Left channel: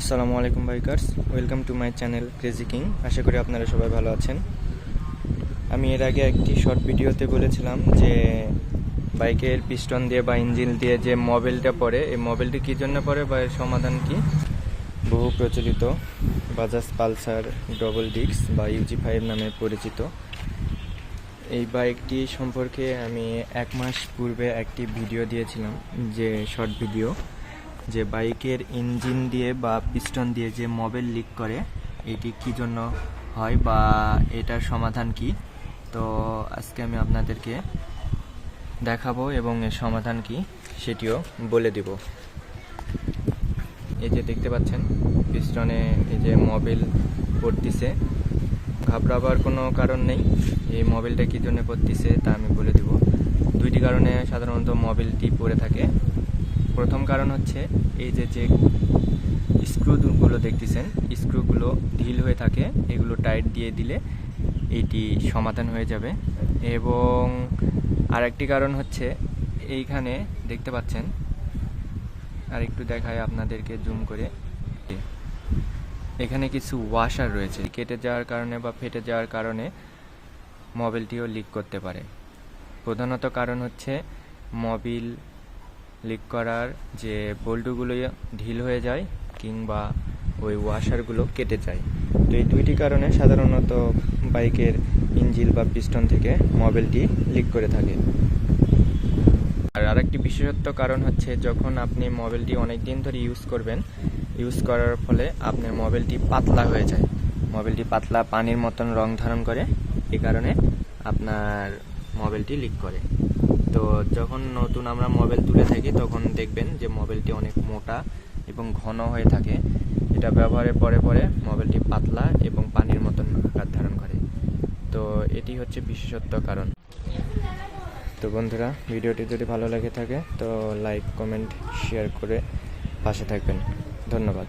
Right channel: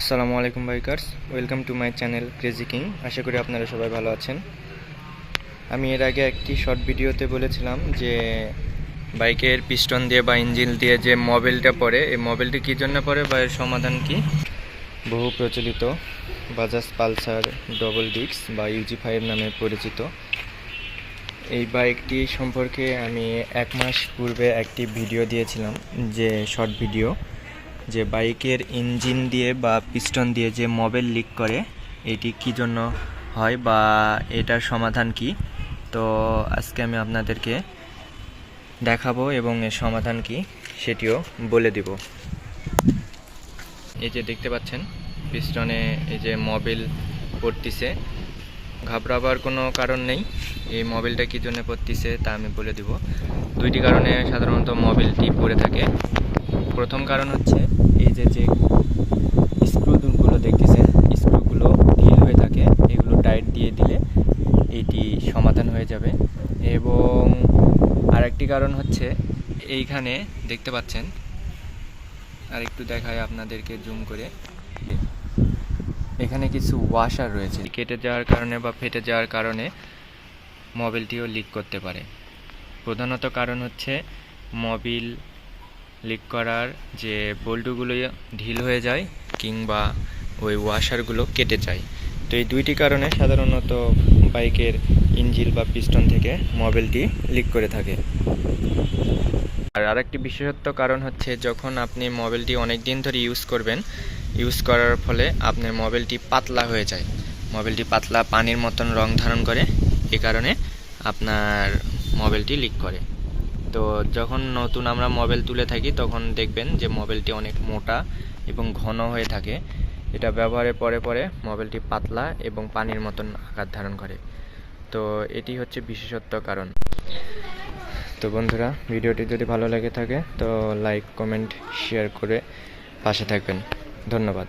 আসসালামু আলাইকুম bikers, welcome to my channel crazy king. আশা করি আপনারা সবাই ভালো আছেন। আমি এর আগে একটি শর্ট ভিডিওতে বলেছিলাম যে বাইকের পিস্টন দিয়ে বা ইঞ্জিন দিয়ে যে মোবিলটা পড়ে, এই মোবিলটি কী জন্য পড়ে বা এর সমাধান কি। বহু প্রচলিত বাজাজ পালসার ডবল ডিস্ক বা UG5 নামে পরিচিত এই বাইকটি সম্পর্কে আমি 1 মাস পূর্বে একটি ভিডিও দিয়েছিলাম, যে শর্ট ভিডিও, যে বাইকের ইঞ্জিন দিয়ে বা পিস্টন দিয়ে যে মোবিল লিক করে এটি কী জন্য হয় বা এটার সমাধান কি। তো আজকে আমি আপনাদেরকে দেখাবো এবং এর সমাধান কি সেটিও বলে দিব। এই যে দেখতে পাচ্ছেন পিস্টনে এই যে মোবিল পড়তিছে, ঘাবড়াবার কোনো কারণ নেই। এই মোবিলটা কী জন্য পড়তিছে তা আমি বলে দিব। দুইটি কারণে সাধারণত মোবিলটি পড়ে থাকে। প্রথম কারণ হচ্ছে এই যে স্ক্রুগুলো দেখতেছেন, স্ক্রুগুলো ঢিল হয়ে থাকে, এগুলো টাইট দিয়ে দিলে এটি সমাধান হয়ে যাবে। এবং আরেকটি কারণ হচ্ছে এইখানে দেখতে পাচ্ছেন, আর একটু দেখায় আপনাদেরকে জুম করে, এখানে কিছু ওয়াশার রয়েছে, কেটে যাওয়ার কারণে বা ফেটে যাওয়ার কারণে মোবিলটিও লিক করতে পারে। প্রধানত কারণ হচ্ছে মোবিল লিক করার যে বল্টুগুলো ঢিল হয়ে যায় কিংবা ওই ওয়াশারগুলো কেটে যায়। তো এই দুইটি কারণে সাধারণত বাইকের ইঞ্জিন বা পিস্টন থেকে মোবিলটি লিক করে থাকে। আর আরেকটি বিশেষত্ব কারণ হচ্ছে যখন আপনি মোবিলটি অনেক দিন ধরে ইউজ করার ফলে আপনার মোবিলটি পাতলা হয়ে যায়। মোবিলটি পাতলা পানির মতন রং ধারণ করে, এই কারণে আপনার মোবিলটি লিক করে। তো যখন নতুন আমরা মোবিল তুলে থাকি তখন দেখবেন যে মোবিলটি অনেক মোটা এবং ঘন হয়ে থাকে। এটা ব্যবহারের পরে পরে মোবিলটি পাতলা এবং পানির মতন আকার ধারণ করে। তো এটি হচ্ছে বিশেষত্ব কারণ। তো বন্ধুরা, ভিডিওটি যদি ভালো লেগে থাকে তো লাইক, কমেন্ট, শেয়ার করে পাশে থাকবেন। ধন্যবাদ।